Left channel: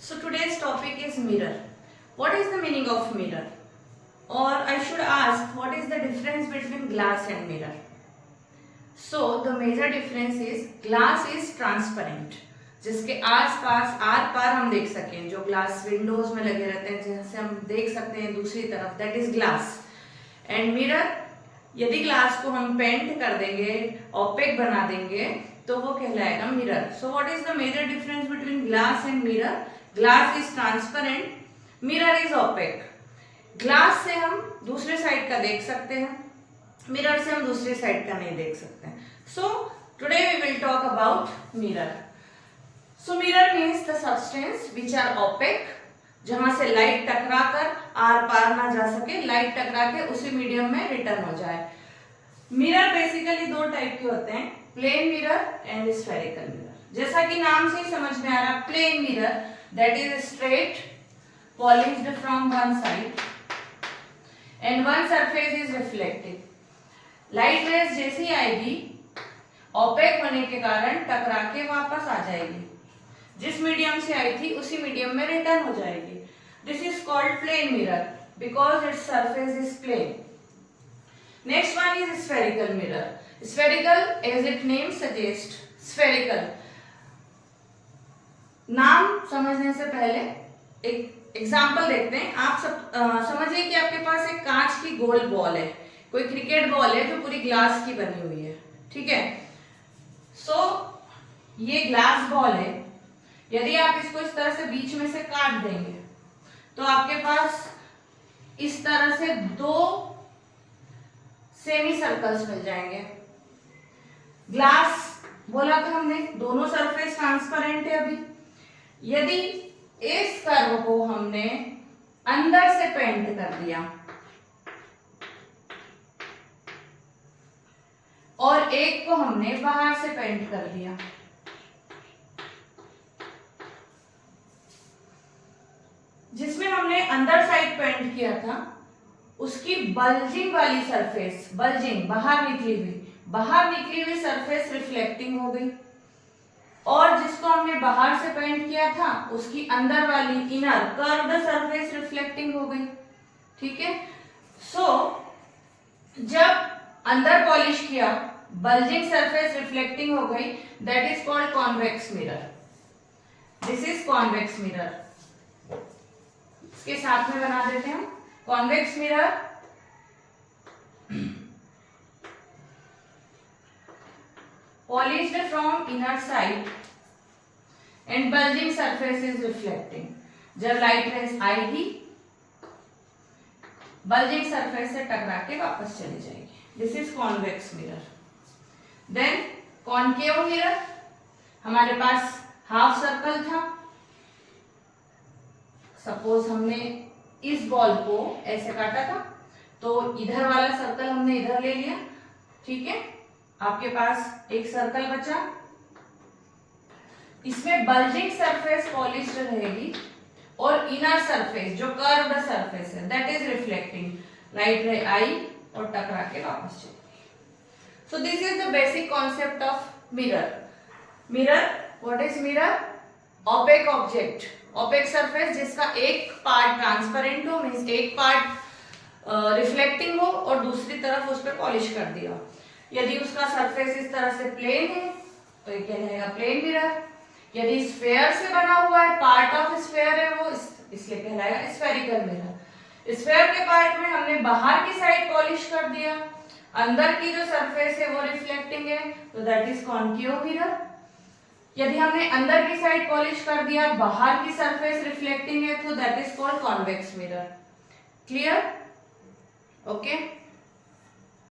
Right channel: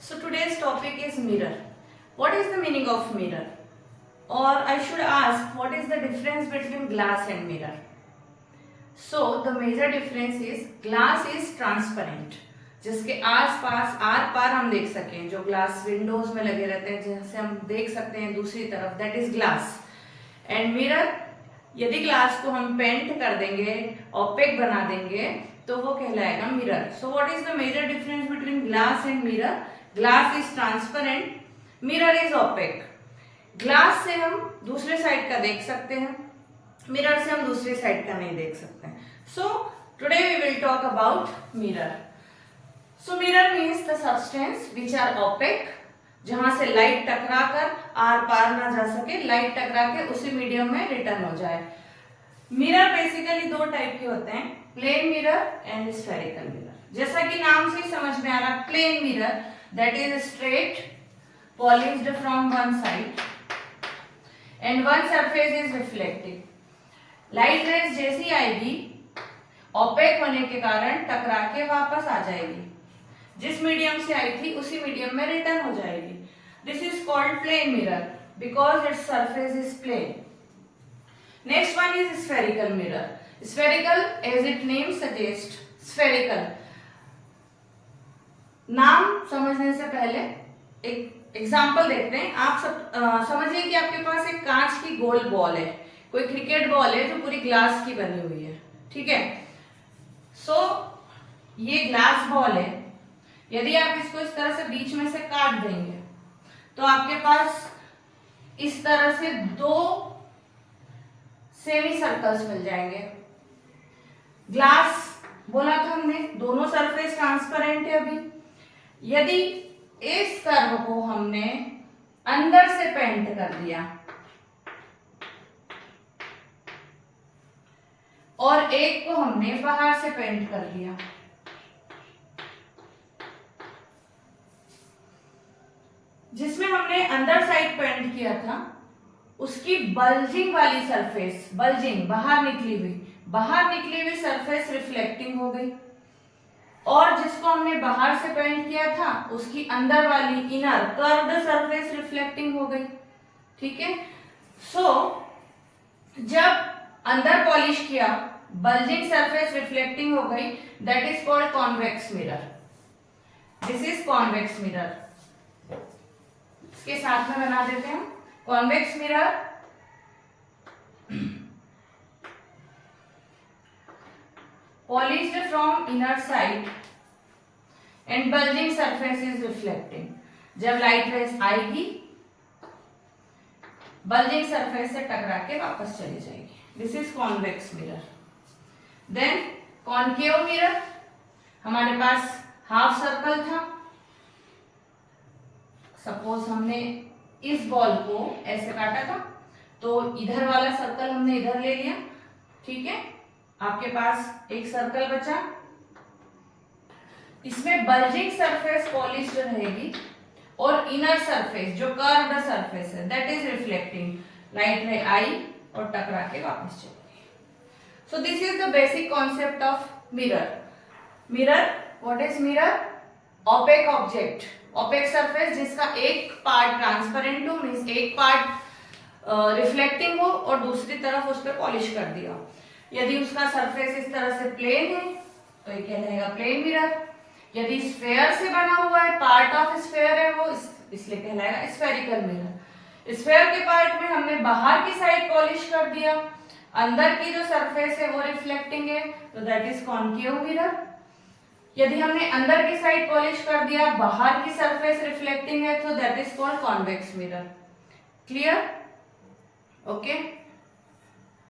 So today's topic is mirror. What is the meaning of mirror? Or I should ask, what is the difference between glass and mirror? So the major difference is glass is transparent, जिसके आस पास are पार हम देख सकें, जो glass Windows में लगे रहते हैं जिनसे हम देख सकते हैं दूसरी तरफ, that is glass. And mirror, यदि ग्लास को हम पेंट कर देंगे, ऑपेक बना देंगे, तो वो कहलाएगा mirror. So what is the major difference between glass and mirror? Glass is transparent, mirror is opaque. Glass से हम दूसरे साइड का देख सकते हैं, मिरर से हम दूसरे साइड का नहीं देख सकते हैं. So today we will talk about mirror. So mirror means the substance which are opaque, जहां से लाइट टकरा कर आर पार ना जा सके, लाइट टकरा के उसी मीडियम में रिटर्न हो जाए. मिरर बेसिकली दो टाइप के होते हैं, plane mirror and spherical mirror. जैसा कि नाम से ही समझ में आ रहा, plane mirror that is straight, polished from one side and one surface is reflective. Light rays जैसी आएगी, ऑपेक होने के कारण टकरा के वापस आ जाएगी, जिस मीडियम से आई थी उसी मीडियम में रिटर्न हो जाएगी. This is called plane mirror because its surface is plane. Next one is spherical mirror. Spherical as it name suggest, spherical. नाम समझने से पहले एक एग्जांपल देखते हैं. आप सब समझिए कि आपके पास एक कांच की गोल बॉल है, कोई क्रिकेट बॉल है जो पूरी ग्लास की बनी हुई है, ठीक है. सो ये ग्लास बॉल है. यदि आप इसको इस तरह से बीच में से काट देंगे तो आपके पास इस तरह से दो सेमी सर्कल्स मिल जाएंगे. ग्लास बोला था हमने, दोनों सरफेस ट्रांसपेरेंट है. अभी यदि इस कर्व को हमने अंदर से पेंट कर दिया और एक को हमने बाहर से पेंट कर दिया, जिसमें हमने अंदर साइड पेंट किया था उसकी बल्जिंग वाली सरफेस, बल्जिंग बाहर निकली हुई सरफेस रिफ्लेक्टिंग हो गई, और जिसको हमने बाहर से पेंट किया था उसकी अंदर वाली इनर कर्व्ड सरफेस रिफ्लेक्टिंग हो गई, ठीक है. सो जब अंदर पॉलिश किया, बल्जिंग सरफेस रिफ्लेक्टिंग हो गई, that is called convex mirror. This is convex mirror. इसके साथ में बना देते हैं. Convex mirror polished from inner side and bulging surface is reflecting. जब लाइट रेज आएगी, बल्जिंग सरफेस से टकरा के वापस चली जाएगी. This is convex mirror. Then concave mirror. हमारे पास हाफ सर्कल था. सपोज हमने इस बॉल को ऐसे काटा था, तो इधर वाला सर्कल हमने इधर ले लिया, ठीक है. आपके पास एक सर्कल बचा, इसमें बल्जिंग सरफेस पॉलिश्ड रहेगी और इनर सरफेस जो कर्व्ड सरफेस है that is reflecting. Light ray आई और टकरा के वापस चली. So this is the basic concept of mirror. Mirror, what is mirror? Opaque object, opaque surface जिसका एक पार्ट ट्रांसपेरेंट हो, मींस एक पार्ट रिफ्लेक्टिंग हो और दूसरी तरफ उस पर पॉलिश कर दिया. यदि उसका सरफेस इस तरह से प्लेन है तो ये कहलाएगा प्लेन मिरर. यदि स्फेयर से बना हुआ है, पार्ट ऑफ स्फेयर है वो, इसलिए कहलाएगा स्फेरिकल मिरर. स्फेयर के पार्ट में हमने बाहर की साइड पॉलिश कर दिया, अंदर की जो सरफेस है वो रिफ्लेक्टिंग है, तो दैट इज कॉनकेव मिरर. यदि हमने अंदर की साइड पॉलिश कर दिया, बाहर की सरफेस रिफ्लेक्टिंग है, तो that is called convex mirror. Clear? Okay.